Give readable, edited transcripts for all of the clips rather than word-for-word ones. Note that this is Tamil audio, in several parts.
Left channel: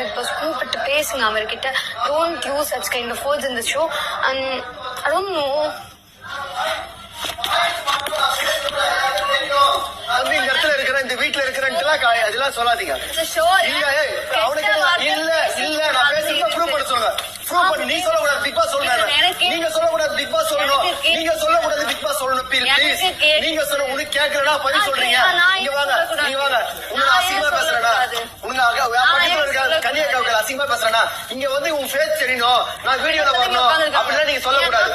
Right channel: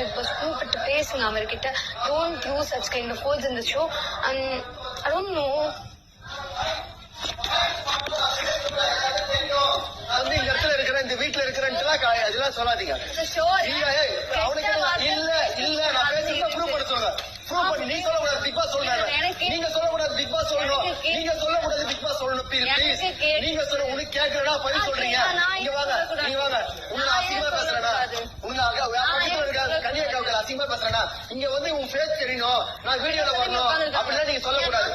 பிக் பாஸ் கூப்பிட்டு பேசுங்க அவர்கிட்ட. Don't use such kind of words in the show. And I don't know. வந்து இந்த இடத்துல இருக்கிற இந்த வீட்டுல இருக்கிறேன்ட்டுலாம் அதெல்லாம் சொல்லாதீங்க. அவனுக்கு இல்ல இல்ல நான் பேசுறத ப்ரூவ் பண்ண சொல்றேன். ப்ரூவ் பண்ணி நீ சொல்லக்கூடாது, பிக் பாஸ் சொல்றாங்க. நீங்க சொல்லக்கூடாது, பிக் பாஸ் சொல்லணும். நீங்க சொல்லக்கூடாது, பிக் பாஸ் சொல்லணும். ப்ளீஸ் நீங்க சொல்ல உனக்கு கேட்கறடா பதில் சொல்றீங்க. இங்க வாங்க, நீங்க வாங்க. உங்களை அசிங்கமா பேசுறடா, உங்களை கன்னியாகுமரி அசிங்கமா பேசுறேன்னா இங்க வந்து உன் ஃபேஸ் தெரியணும், நான் வீடியோல வரணும் அப்படின்னா நீங்க சொல்லக்கூடாது.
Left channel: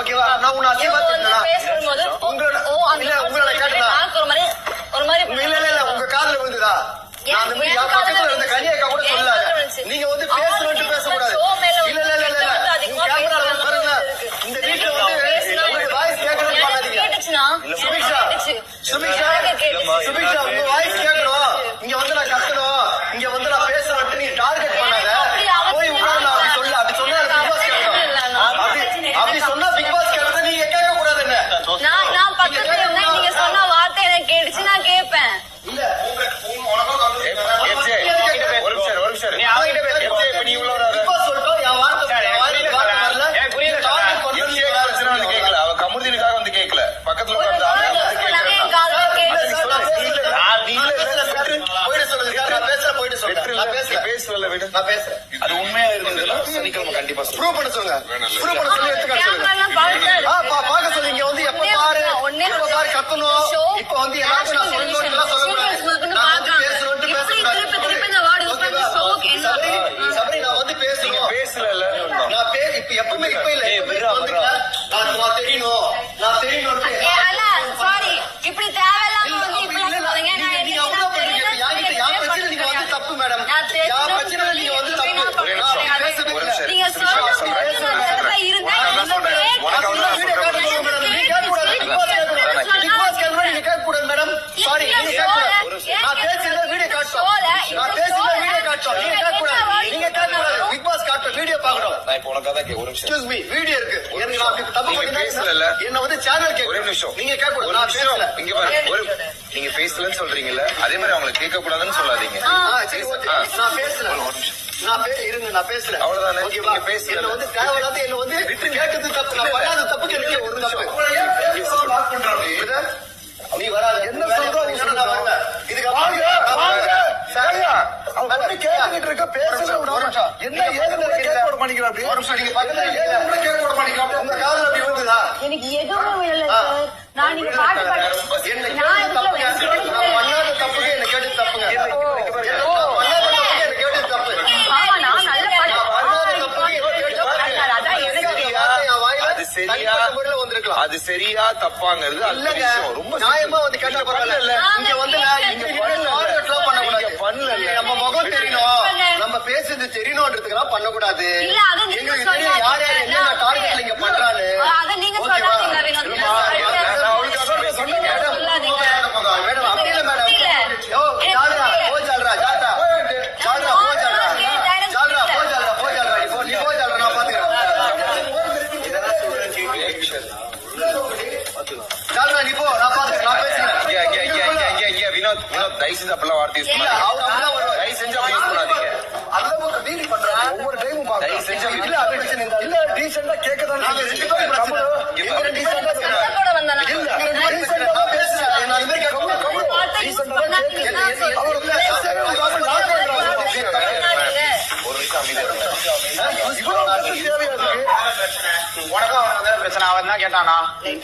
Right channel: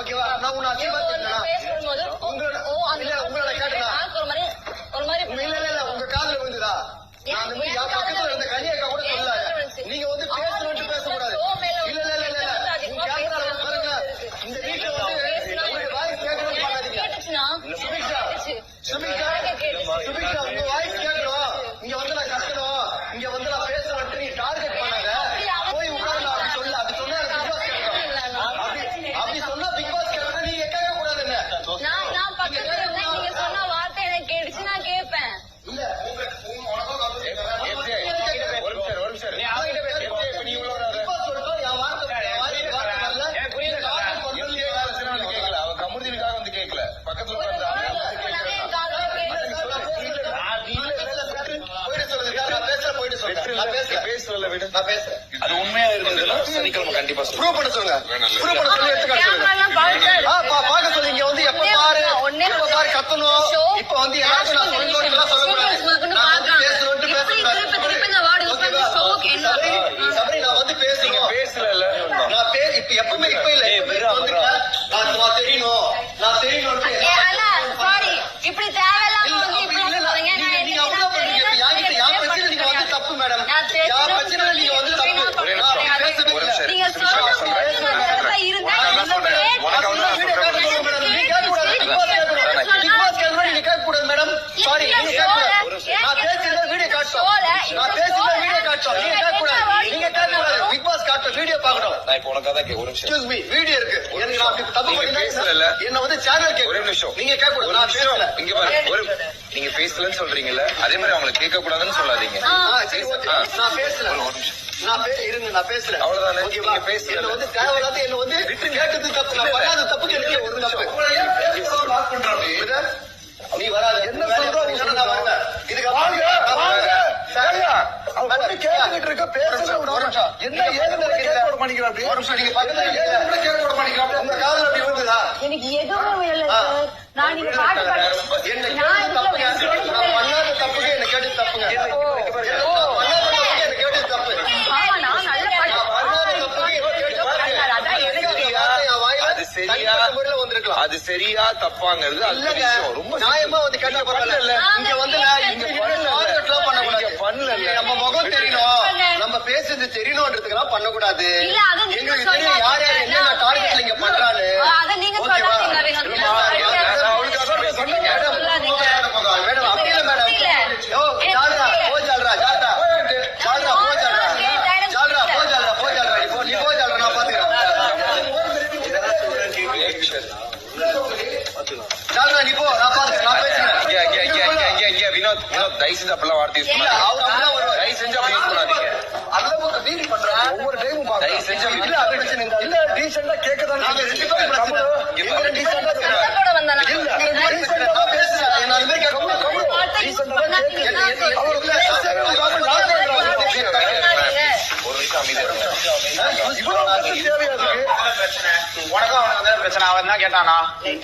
ஓகேவா? நான் உன்னை அசிங்கமா பேசுறேன்னா உங்களோட கேட்டா இல்ல உங்க காதுல விழுந்துதா? நான் அந்த மாதிரி பக்கத்துல இருந்த கன்னியாக்கா கூட சொல்லாத. நீங்க வந்து பேசணும்னு பேசக்கூடாது. இல்ல இல்ல இல்ல இல்ல உங்க கேமரால பாருங்க. இந்த வீட்டுல வந்து வாய்ஸ் கேட்கணும்னு பண்ணாதீங்க. சுபிக்ஷா சுபிக்ஷா சுபிக்ஷா உங்க வாய்ஸ் கேட்கணும். இங்க வந்து நான் கத்தணும், இங்க வந்து நான் பேசணும்னு நீ டார்கெட் பண்ணாத. போய் உட்கார்ந்து அப்படி சொல்ல அப்படி சொன்னா பிக் பாஸ் கேட்கணும். அப்படி சொன்னா பிக் பாஸ் கேட்கறது நீங்க கேட்க கூடாது. என்ன நான் பக்கத்துல இருந்தா நீங்க சொன்ன வார்த்தை எனக்கு கேட்டுச்சு, நான் கேட்பேன். இல்ல அது உண்மையா இருக்குதுன்னா சனிக்கிழமை கண்டிப்பா ப்ரூவ் பண்ண சொல்லுங்க. ப்ரூவ் பண்ண சொல்லி பாக்க சொல்லி இங்க வந்து எப்ப பாரு கத்தணும். இப்ப வந்து எல்லாருக்கும் நான் சொல்லணும்னு சொல்லக்கூடாது. பேசணும்னு பேசக்கூடாது. சபரி நான் வந்து பேசணும் பேசல நான் இப்ப எப்பவுமே இப்ப இல்ல நான் தெரியணும் நான் தெரியணும். இப்படி தேவையில்லாம நீங்க வந்து தப்பு மேடம். பிரச்சனை நீங்க வந்து தப்பு. வீடியோ இருக்கு. என்ன வந்து சேனல் ஒரு நிமிஷம் நீங்க கேட்கக்கூடாது. இங்க பாருங்க, நீங்க பேசலன்னு சொல்றீங்கல்ல, அதே மாதிரி அவங்களை கேட்க கூடாதுன்னு சொல்லாதீங்க. நான் பேசல இருங்க, நான் பேசுறேன் அவ்வளவுதான். நீங்க பேசல என்ன வந்து தேவையில்லாத என்ன வந்து கேட்டது தப்பு, நான் பண்ணாத தப்புக்கு எனக்கு ஒரு தப்பு. நீ வராது என்ன சொல்றோம் இதுக்கு கேட்டுக்கிட்டு இருக்க பேசுறது என்ன ஏற்கனவே பண்ணிக்கலாம். ஒரு நிமிஷம் நீங்க பக்கத்துல கேட்க பண்ணிக்கலாம். உங்க காதல் அப்படி விழுந்துதா? எனக்கு எதுவுமே விழல சார். நான் நீங்க பாட்டு என்ன பண்ணாத தப்புக்கு என்ன கேட்டு தப்புங்க. அது சரியா தப்பாங்கிறது ரொம்ப நியாயமா வந்து கேட்டா பரவாயில்ல. இங்க வந்து பண்ணல நம்ம முகம் தெரியணும், நம்ம பேசுறது தெரியணும்ன்றதுக்கெல்லாம் பண்ணக்கூடாது. எங்களுக்கு தெரியும் யார் யார் என்ன டார்கெட்ல இங்க பண்றாரு. மேடம் அப்படி இல்ல மேடம். ஜால்ரா போ ஜால்ரா ஜால்ரா ஜால்ரா போ ஜால்ரா ஜால்ரா போ ஜால்ரா போ ஜால்ரா நீ போ ஜால்ரா நான் பாத்துக்கிறேன். ஜால்ரா நீ போ நான் பாத்துக்கிறேன் நான் பேசுறேன். வினோத் தயவு செஞ்சு அப்பெல்லாம் வார்த்தை யூஸ் பண்ணாதீங்க. தயவு செஞ்சு அப்படி யூஸ் பண்ணாதீங்க. டீல் பண்றேன் ஒவ்வொரு டைமும் தயவு செஞ்சு இல்ல அது பிரச்சனை இல்ல. டீசெண்டா கேட்கதான் ஒரு நிமிஷம் அமைதியா உனக்கும் பிரச்சனை. அவன் தான் கேட்டானா?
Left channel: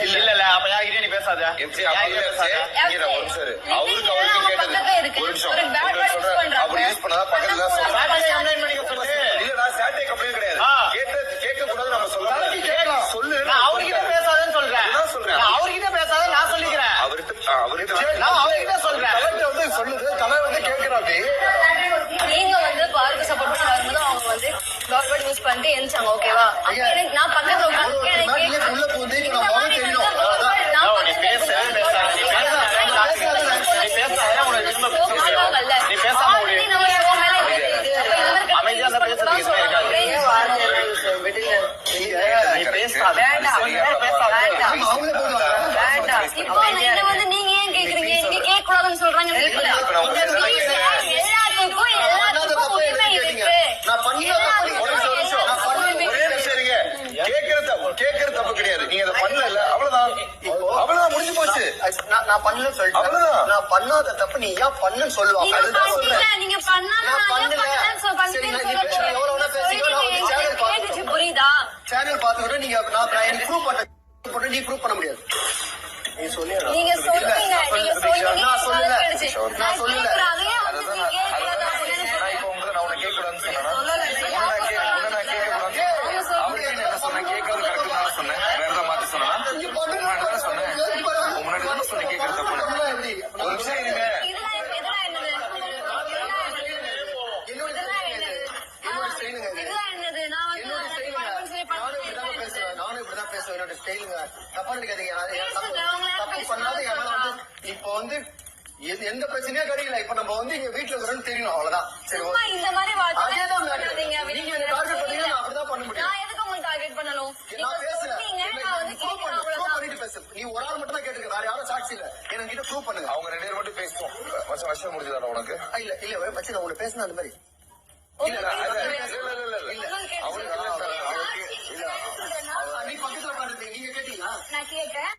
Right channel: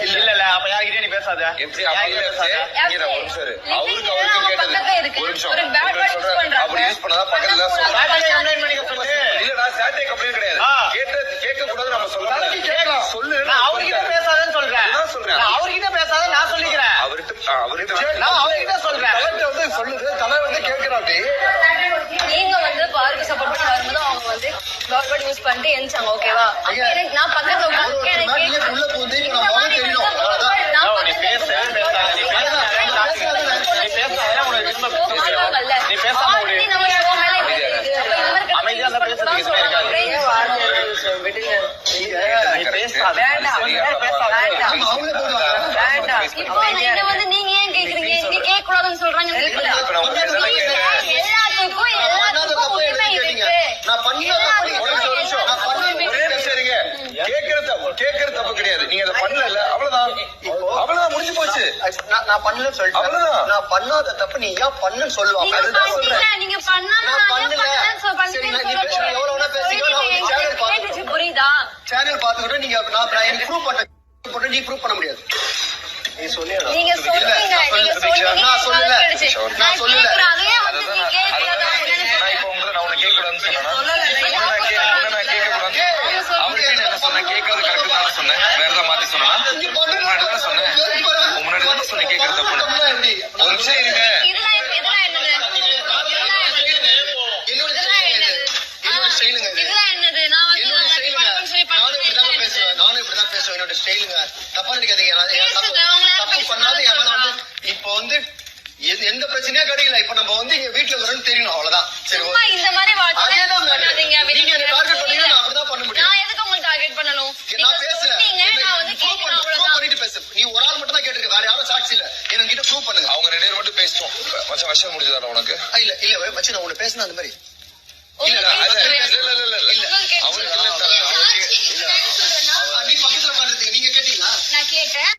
இல்ல இல்ல அப்ப யாருக்கிட்டே நீ பேசாத. அவருக்கு கேட்டது ஒரு நிமிஷம் அப்படி யூஸ் பண்ணாதான் பக்கத்துல இல்ல நான் சாட்டே கம்ப்ளைண்ட் கிடையாது. கேட்க கூடாது நம்ம சொல்லலாம். சொல்லு அவர்கிட்ட பேசாதன்னு சொல்றேன். அவர்கிட்ட பேசாத நான் சொல்லிக்கிறேன். நான் அவர்கிட்ட சொல்றேன். சொல்லுது தலை வந்து கேட்கிறாப்படி. நீங்க வந்து பார்க்க சப்போர்ட் பண்ணும்போது அவங்க வந்து டாக்டர் யூஸ் பண்ணிட்டு எந்திச்சாங்க. ஓகேவா? நான் பக்கத்துல உள்ள போந்து நான் முகம் தெரியணும். நீ பேசாம அமைதியா பேசுறதுக்கு இப்போ இதை வந்து நீங்க ஏன் கேக்குறீங்க? நீங்க கேட்க கூடாதுன்னு சொல்றாங்க. எல்லாத்துக்கும் உரிமை இருக்கு. நான் பண்ணலன்னு சொல்லிட்டேன். அவ்வளவுதான். நான் பண்ணாத தப்பு நீ ஏன் பண்ணுன்னு சொல்லுவாங்க. நீங்க அதுதான் சொல்றேன். பண்ணல, நீங்க பண்ணாம நான் நான் பண்ணல. பண்ணலன்னு சரி, சொல்ல நீ பேசுற எவ்வளவு வேணா பேசிக்கோ, நான் வந்து சேனல் கேட்டுச்சு, பாத்துக்கிறேன். புரியுதா? சேனல் பாத்துக்கிட்டு நீங்க நான் எனக்கு ப்ரூவ் பண்ண நீ ப்ரூவ் பண்ண முடியாது. நீ சொன்னியா? நீங்க சொன்னீங்க, நீங்க சொன்னீங்க, நான் சொல்லல. கேட்டுச்சு. நான் சொல்லல. கேக்குறேன், அதையே வந்து நீ அதுதான் கேட்கல, நான் இப்ப உங்களை நான் உன்னை கேட்கக்கூடாதுன்னு சொன்னேன்னா நான் கேட்கக்கூடாதுன்னு அவருக்கு என்ன சொன்னேன் கேட்கறது கரெக்ட் தானே சொன்னேன் வேற ஏதாவது மாத்தி சொன்னா முன்னாடி தானே சொன்னேன் முன்னாடி தானே சொன்னேன் கேட்கறது தப்புன்னு ஒரு நிமிஷம் இருங்க இதெல்லாம் இதெல்லாம் என்னது? என்னோட இதெல்லாம் என்னது? என்னோட ஸ்டைலுங்க இது. இதெல்லாம் என்னது? நான் வந்து என்னோட நான் ஸ்டைலுங்க. பண்ணணும்னு சொல்லி நானும் பண்ணேன். இப்படிதான் பேசுவேன். நானும் இப்படிதான் பேசுவேன். என்னோட ஸ்டைலுங்க. தப்பா நினைக்காதீங்க. நான் பேசுங்க, தப்பு- உங்களை தப்பு பேசுங்க, பண்ணாத என் மேல வந்து சொல்லலாம். இப்ப வந்து எந்த பிரச்சனையும் கிடைக்கல. இப்ப நம்ம வந்து இங்க வீட்டுல இருக்கிறோம்னு தெரியணும், அவ்வளவுதான். சரி, சும்மா ஓகே. இந்த மாதிரி அதேதான் matter. பண்ணாதீங்க. நீங்க என்ன டார்கெட் பண்ணீங்கன்னா நான் அப்படிதான் பண்ண முடியும். நான் எதுக்கு உங்களுக்கு டார்கெட் பண்ணணும்? நான் நீங்க பேசல. சொன்னீங்க, நான் வந்து ப்ரூவ் கேட்கிறேன், ப்ரூவ் அவ்வளவுதான். பண்ணிட்டு பேசு. நீ ஒரு ஆள் மட்டும் தான் கேட்டிருக்க. வேற யாரும் சாட்சி இல்ல. என்கிட்ட ப்ரூவ் பண்ணுங்க. அவங்க 2 பேர் மட்டும் பேசிட்டோம் மச்சம் வருஷம் முடிஞ்சதாடா உனக்கு இல்ல இல்ல வச்சு நான் உன்னை பேசினேன் அந்த மாதிரி. உங்களுக்கு அது கேட்கல. இல்ல உங்களுக்கு கேட்கல. அவருக்கு இல்ல அவருக்கு இல்ல நீ பக்கத்துல உட்காந்துருக்கீங்க. நீங்க கேட்டீங்களா? நான் கேட்டேன்.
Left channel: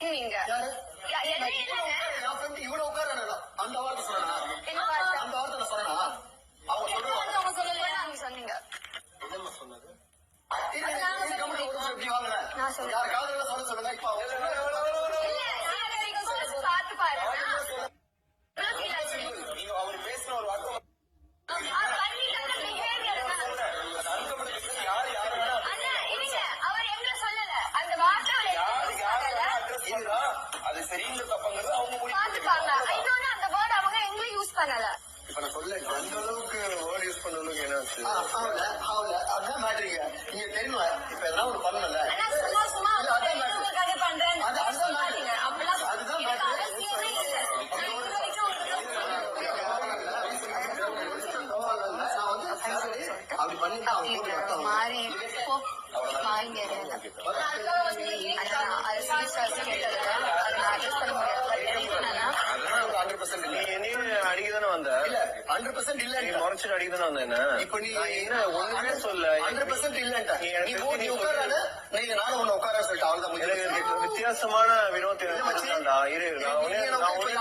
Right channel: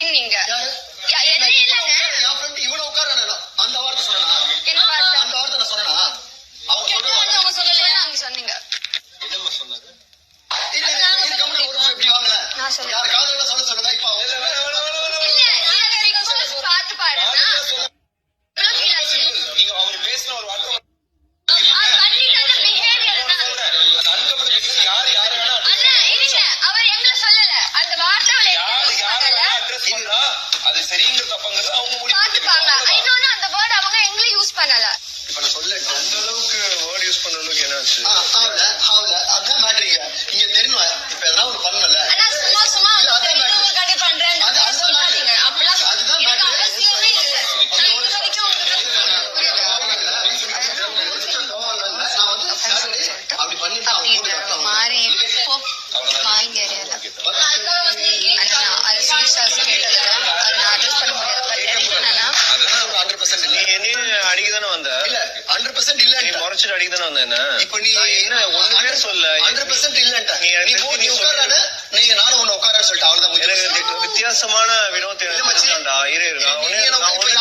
நீங்க யாரு? என்ன இல்லைங்க. என் friend இவ்வளவு உட்கார்றானே, அந்த வார்த்தை சொன்னா என்ன பார்த்தா? அந்த வார்த்தை நான் சொன்னா அவங்க கேட்டது வந்து அவங்க சொல்லலையா? நீங்க சொன்னீங்க. என்னம்மா சொன்னது? இல்ல, இது கம்முனு ஒரு நிமிஷம் இப்படி வாங்கல. நான் சொல்றேன். யார் காதுல சொல்ல சொல்லுங்க. இப்ப அவங்க இல்ல, நான் நீங்க சொல்லி பார்த்து பாருங்க. எவ்வளவு feel ஆச்சு? நீங்க அவர் பேசின ஒரு வார்த்தை பண்ணிட்டாங்க behavior தான். யாரு வேணா அண்ணா, இருங்க. அவர் எங்களை சொல்லல. அந்த வார்த்தை அவளை யாரு use யாரு பண்ணல. வேணா அட்ரஸ் பண்றா அது சரிங்கிற தப்பங்கிறது அவங்க முடிவு பார்த்துப்பாங்க. பண்ணிப்பாங்க. இன்னொன்னு அந்த வேர்ட் அவங்க எங்களை யூஸ் பண்ணல. இப்ப நான் சொல்ல அந்த அளவுக்கு வேர்ட் யூஸ் பண்ண அளவுக்கு என்னாச்சு அதான் மேட்ரிங்க. நீங்க தெரியணும். இப்ப எதனா ஒண்ணு பண்ணல. ஆனா சும்மா சும்மா இல்ல, அதான் matter. உங்களுக்காண்டி பண்றேன்னு அதுதான் சொல்லாதீங்க. matter. அப்படிலாம் அதுதான் எனக்கு matter. அவசியமே இல்ல. நான் இது வரைக்கும் உங்களுக்கு நான் வந்து Saturday அப்படி பண்ணிட்டு அவங்க போட்டு கட்டணும். மாறி போ. மாறிங்க ஏரியால. அது சீரியஸாஸ் கேட்டதுல அது நான் அட்ரஸ் பண்ண முடியாது. பட் எனக்கு என்னன்னா அதெல்லாம் 100% நீ இல்ல. என்ன அடிக்கதானே வந்த இல்ல 100% நீ இல்ல. முறைச்சிட்டு அடிக்கதானே வந்த என்ன இப்ப நீ நான் என்ன ஒண்ணுமே சொல்ல 100% இல்லன்ட்ட. நீ நீ எனக்கு நீ நீ உட்காரானே, நீங்க நானும் உன்னை உட்காரன்னு சொல்லிட்டு அவ்வளவுதான் முடிஞ்சு. எனக்கு வித்தியாசமான வினோத் இல்ல மச்சி. இரு நான் நீ ஒண்ணு எனக்கு நான் இப்ப ஒண்ணு